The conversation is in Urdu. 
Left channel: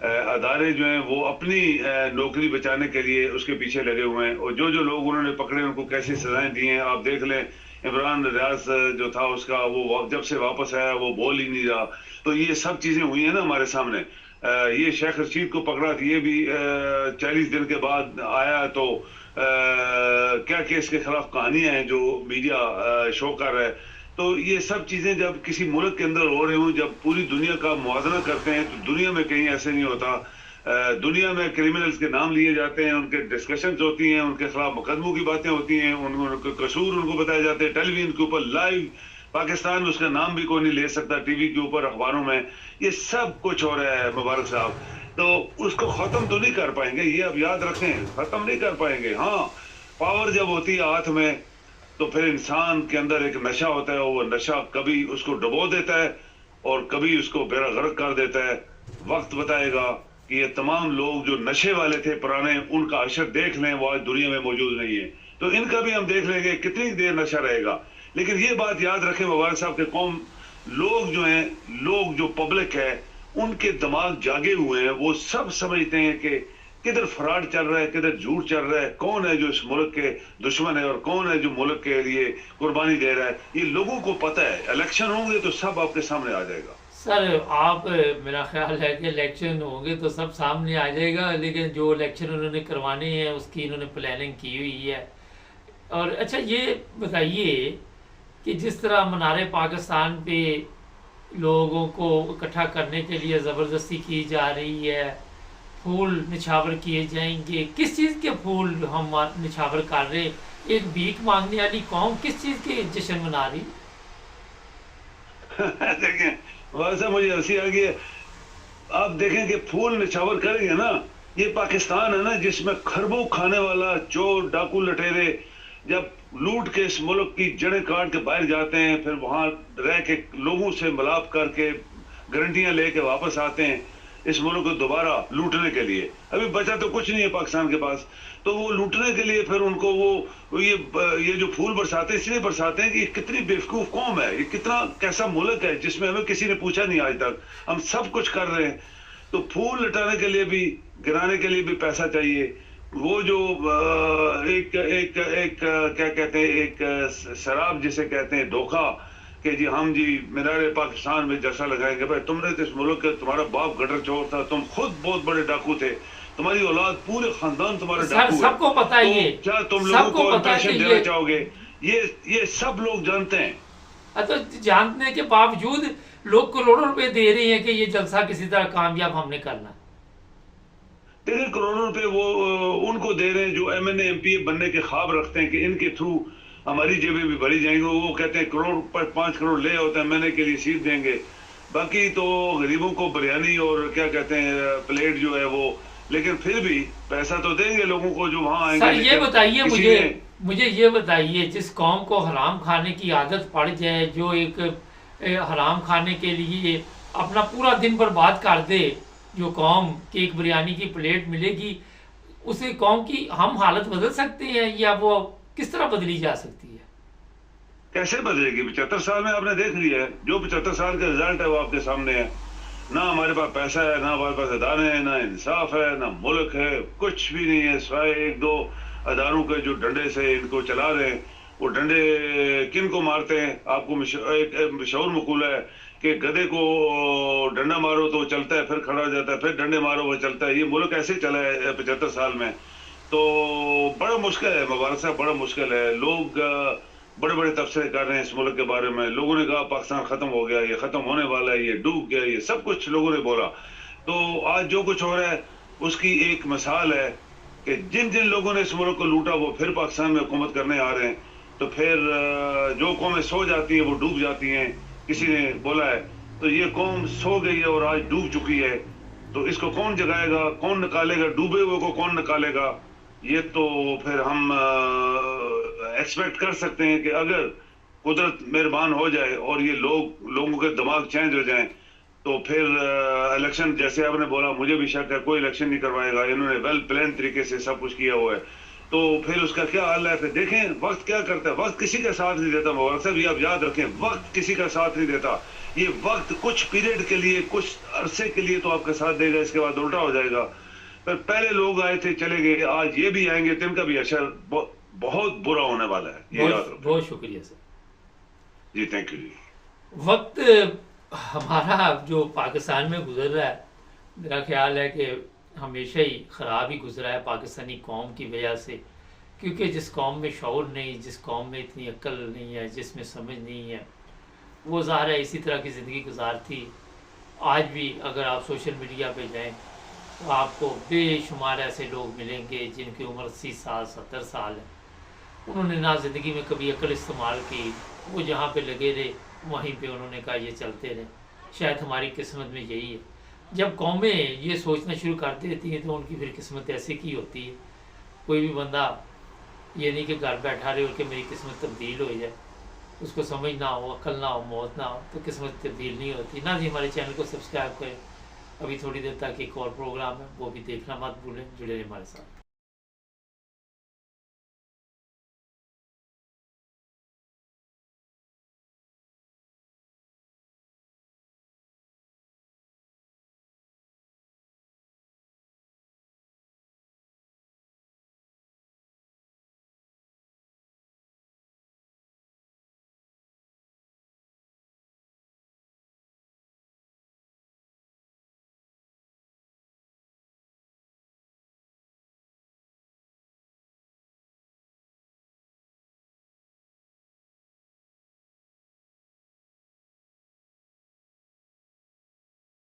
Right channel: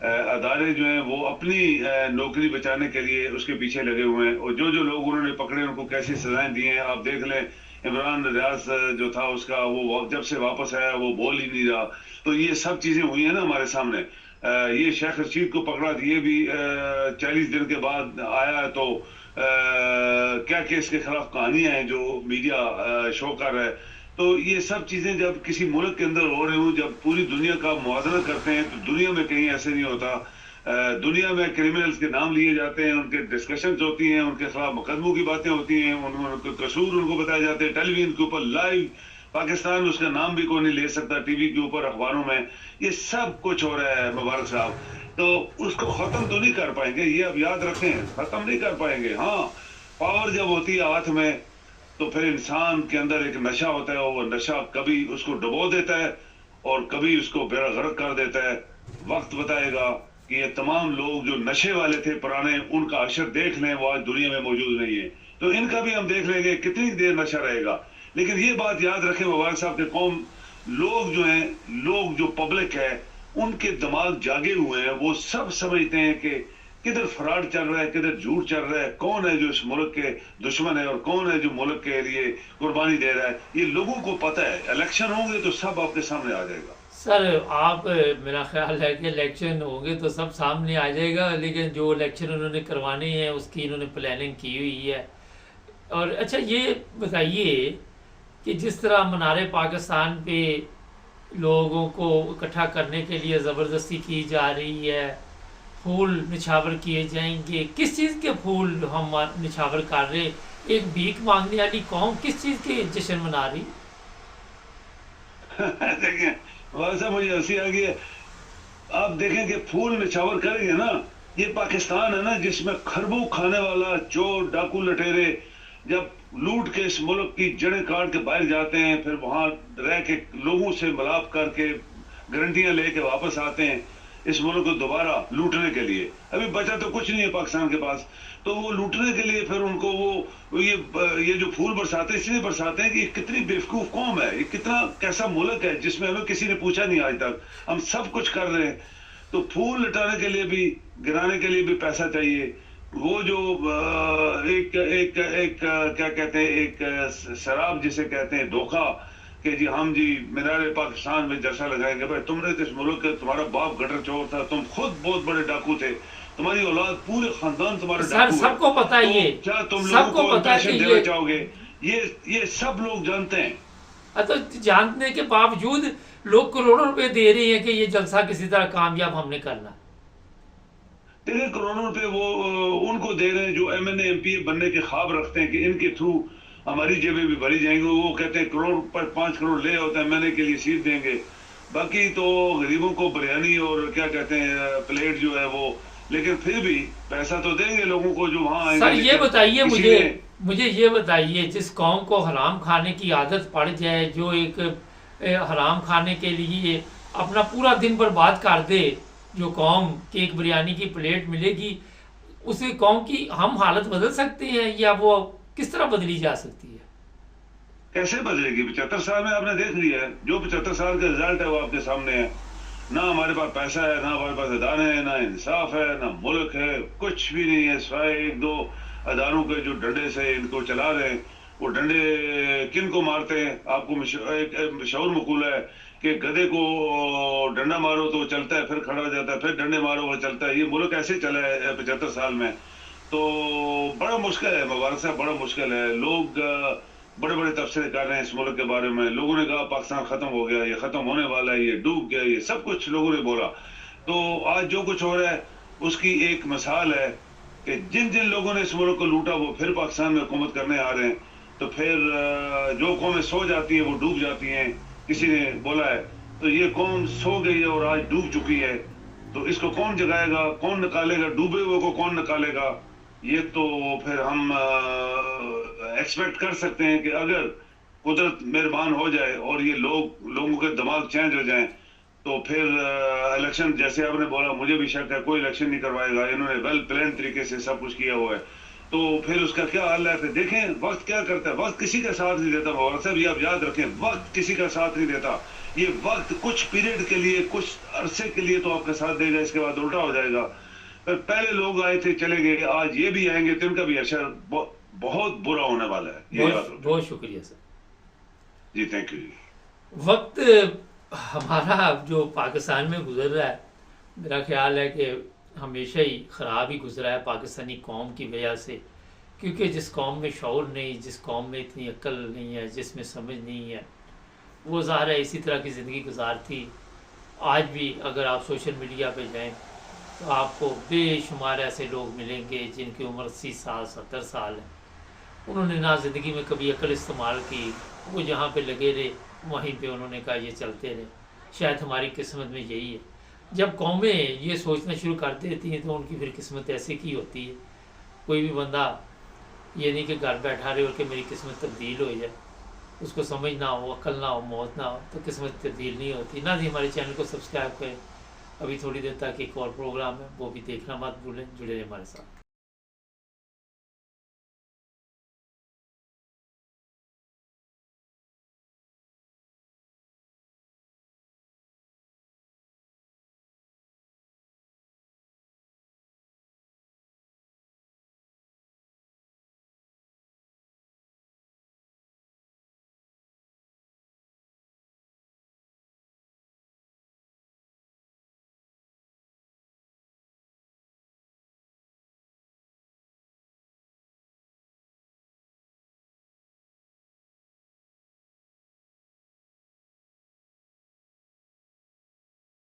ادارے جو ہیں وہ اپنی نوکری بچانے کے لیے اس کے پیچھے لگے ہوئے ہیں، اور جو لوگ انہوں نے پکڑے ان کو کیسی سزائیں دی ہیں آپ دیکھ لیں۔ عمران ریاض جو تھا اس کا وہ جب سے واپس آیا وہ بول ہی نہیں رہا، تو یہ سب چیزیں ہوئی ہیں نا ہمارے سامنے۔ یہ شیخ رشید کو پکڑا تھا، یہ بھی 40 دن کے بعد آیا، تو کیا کہ اس کے خلاف کہانیاں ہیں جو میڈیا شو کر رہا ہے۔ تو یہ سب چیزیں جب کسی ملک کے اندر ہو رہی ہوں، جب پوری دنیا کا موازنہ کرتے ہیں، تو دنیا میں کہیں ایسے نہیں ہوتا۔ دنیا میں کرمنلز کے نام لیے جاتے ہیں، ان کے ڈسکشنز ہوتی ہیں، ان کے خلاف مقدموں کی باتیں ہوتی ہیں، ان کے قصور ان کو بتائے جاتے ہیں ٹیلی ویژن کے اوپر لائیو۔ پاکستان اس کا نام بھی کوئی نہیں لے سکتا ٹی وی کے اوپر، اخباروں میں۔ یہ سب کچھ ہو رہا ہے مبارک صاحب، تو اس کو ختم تو نہیں کر پائیں گے، یہ اب یاد رکھیں، ختم نہیں کر پائیں گے۔ ہاں، پاور جب ہوتی ہے ہاتھ میں تو پھر انسان کے اندر ایک نشہ ہوتا ہے، وہ نشہ کبھی اس کو ڈبو دیتا ہے اور کبھی اس کو بیڑا غرق کر دیتا ہے۔ وقت بتائے گا کہ یہ تمام لوگ جو نشے والے تھے پرانے، ان کا عشر دیکھ لیں، وہ آج دنیا میں موجود نہیں ہے، تو ان کا بھی ہم دیکھ لیں گے کتنی دیر نشہ رہے گا۔ لیکن یہ بات یاد رکھیں مبارک صاحب کے قوم، لوگ جو ہیں، لوگ جو پبلک ہے، ان کے دماغ جاگے ہوئے ہیں، وہ سب سمجھتے ہیں کہ کدھر فراڈ چل رہا ہے، کدھر جھوٹ چل رہا ہے، کون ہے جو اس ملک کے دشمن ہے اور کون ہے جو ملک کے لیے قربانی دے رہا ہے۔ یہ لوگوں کو پتہ ہے، الیکشن ہوں گے تو سب آپ کے سامنے آ جائے گا۔ سر آپ میرا خیال ہے کہ الیکشن ہوں گے تو سب سامنے آ جائے گا، لیکن جو الیکشن انہوں نے کروانے ہیں اس کی انہوں نے پلاننگ کی ہوئی ہے۔ اور اچھا یہ بتائیے کہ جس طرح منار پاکستان پہ لوگوں کو اکٹھا کرنے کے لیے زبردستی کی جا رہی ہے، پھول نچھاور کیے جائیں گے، کس چیز کے پھول ہم نچھاور کر رہے؟ ایک بھیک مانگنے والی قوم کس چیز کے جشن منا رہی؟ دیکھیں ویسا مجھے ہنسی آ گئی ہے، آپ دیکھیں کہ پھول نچھاور کریں گے نا، یہ پاکستان ہے نا جس میں خربوں کھانے والا چور ڈاکو لٹیرے جب لوٹ کے اس ملک کی جڑیں کاٹ کے باہر جاتے ہیں، پھر وہاں رہ کے لوگوں سے ملاپ کر کے گارنٹیاں لے کے واپس آتے ہیں اس ملک کو دوبارہ لوٹنے کے لیے۔ ابھی بچا تو کچھ نہیں ہے پاکستان کے پاس، تو وہ لوٹنے کے لیے پھر ان کو وہ یہ جو پھول برساتے ہیں اس لیے برساتے ہیں کہ یہ کتنی بیوقوف قوم ہے، یہ کتنا کیسا ملک ہے جس میں ہمیں کسی نے پوچھا نہیں آج تک، ہم سب کچھ کر رہے ہیں۔ تو پھول لٹانے کے لیے بھی، گرانے کے لیے بھی پیسہ چاہیے۔ وہ جو ایک ایک ایک کیا کہتے ہیں، ایک شراب جسے کہتے ہیں دھوکہ، کہ جی ہم جی مینار پاکستان میں جلسہ لگائیں گے۔ بھائی تم نے تو اس ملک کے، تمہارا باپ گٹر چور تھا، تم خود بہت بڑے ڈاکو تھے، تمہاری اولاد پورے خاندان تمہارے سر ڈاکو ہے، سب کو پتہ ہے، تو یہ کیا تم سب لوگوں کو کو پتہ ہے امپریشن کہ دینا یہ چاہو گے؟ یہ سب لوگ جانتے ہیں۔ تو جاننے کے باوجود لوگ کروڑوں روپے دے رہے ہیں کہ یہ جلسہ کسی طرح کامیاب ہم نے کرنا۔ دیکھیں کروڑوں روپے وہ ان کو دے رہے ہیں جو M N A M P A بننے کے خواب رکھتے ہیں کہ ان کے تھرو ہماری جیبیں بھی بھری جائیں گے۔ وہ کہتے ہیں کروڑ پر 5 کروڑ لے ہوتا ہے ایم این اے کے لیے سیٹ دیں گے، باقی تو غریبوں کو بریانی اور کیا کہتے ہیں پلیٹ جو ہے وہ، لیکن پھر بھی پیسہ تو دیں گے لوگوں کو جو وہاں آئیں گے۔ سر یہ بتائیے کسی مجھے یہ بتائیے، جس قوم کو حرام کھانے کی عادت پڑ جائے، جو ایک حرام کھانے کے لیے اپنا پورا دن برباد کر دے، جو قوم کہ ایک بریانی کی پلیٹ ملے گی، اس قوم کی ہم حالت بدل سکتے ہیں یا وہ کس طرح بدلی جا سکتی ہے؟ کیسے بدلے گی؟ 75 سال میں آپ نے دیکھ لیا ہے، جو 75 سال کا رزلٹ ہے وہ آپ کے سامنے ہے۔ نہ ہمارے پاس پیسہ ہے، نہ ہمارے پاس ادارے ہیں، نہ انصاف ہے، نہ ملک ہے، کچھ بھی نہیں ہے سوائے 1-2 اداروں کے جو ڈنڈے سے ان کو چلا رہے ہیں۔ وہ ڈنڈے کن کو مارتے ہیں؟ آپ کو ایک مشہور مقولہ ہے کہ گدھے کو ڈنڈا مارو تو وہ چلتا ہے، پھر کھڑا ہو جاتا ہے، پھر ڈنڈے مارو وہ چلتا ہے۔ یہ ملک ایسے چلا ہے 75 سال میں، تو بڑا مشکل ہے مبارک صاحب، بڑا مشکل ہے۔ لوگ بڑے بڑے تبصرے کر رہے ہیں اس ملک کے بارے میں، لوگوں نے کہا پاکستان ختم ہو گیا، یہ ختم ہونے والا ہے، یہ ڈوب گیا، یہ سب کچھ لوگوں نے بولا۔ تو آج جو کچھ ہو رہا ہے اس کی ایک مثال ہے کہ جن لوگوں نے اس ملک کو لوٹا وہ پھر پاکستان میں حکومت کرنے آ رہے ہیں، تو پھر جو قومیں سو جاتی ہیں وہ ڈوب جاتی ہیں۔ کسی نے بولا ہے تو یہ قوم سو گئی ہے اور آج ڈوب چکی ہے، تو اس کو کون جگائے گا، کون نکالے گا، ڈوبے ہوئے کو کون نکالے گا؟ یہ تو پھر ہم ایکسپیکٹ کر سکتے ہیں کہ اگر قدرت مہربان ہو جائے اور یہ لوگوں کے دماغ چینج ہو جائیں تو پھر الیکشن، جیسے آپ نے بولا، مجھے بھی شک ہے کوئی الیکشن نہیں کروائے گا، انہوں نے ویل پلان طریقے سے سب کچھ کیا ہوا ہے۔ تو پھر اس کا کیا حال ہے؟ پھر دیکھیں وقت کیا کرتا ہے، وقت کسی کا ساتھ نہیں دیتا مبارک صاحب، یہ آپ یاد رکھیں، وقت کسی کا ساتھ نہیں دیتا. یہ وقت کچھ پیریڈ کے لیے، کچھ عرصے کے لیے تو آپ کا ساتھ دے گا، اس کے بعد الٹا ہو جائے گا. پھر پہلے لوگ آئے تھے چلے گئے، آج یہ بھی آئیں گے تو ان کا بھی اثر بہت برا ہونے والا ہے، یہ یاد رکھیں. بہت شکریہ سر. جی تھینک یو. وقت ہمارا جو پاکستان میں گزر رہا ہے، میرا خیال ہے کہ ہمیشہ ہی خراب ہی گزرا ہے پاکستانی قوم کی وجہ سے، کیونکہ جس قوم میں شعور نہیں، جس قوم میں اتنی عقل نہیں ہے، جس میں سمجھ نہیں ہے، وہ ظاہر ہے اسی طرح کی زندگی گزارتی. آج بھی اگر آپ سوشل میڈیا پہ جائیں تو آپ کو بے شمار ایسے لوگ ملیں گے جن کی عمر 80 سال 70 سال ہے. انہوں نے نہ زندگی میں کبھی عقل استعمال کی، وہ جہاں پہ لگے رہے وہیں پہ انہوں نے کہا یہ چلتے رہے. شاید ہماری قسمت میں یہی ہے، جب قومیں یہ سوچنا شروع کر دیتی ہیں تو ان کی پھر قسمت ایسے کی ہوتی ہے. کوئی بھی بندہ یہ نہیں کہ گھر بیٹھا رہے اور کہ میری قسمت تبدیل ہو جائے، اس کو سمجھ نہ ہو، عقل نہ ہو، موت نہ ہو تو قسمت تبدیل نہیں ہوتی. نہ جی ہمارے چینل کو سبسکرائب کریں. ابھی تھوڑی دیر تک ایک اور پروگرام ہے، وہ بھی دیکھنا مت بھولیں. جڑے رہیں ہمارے ساتھ.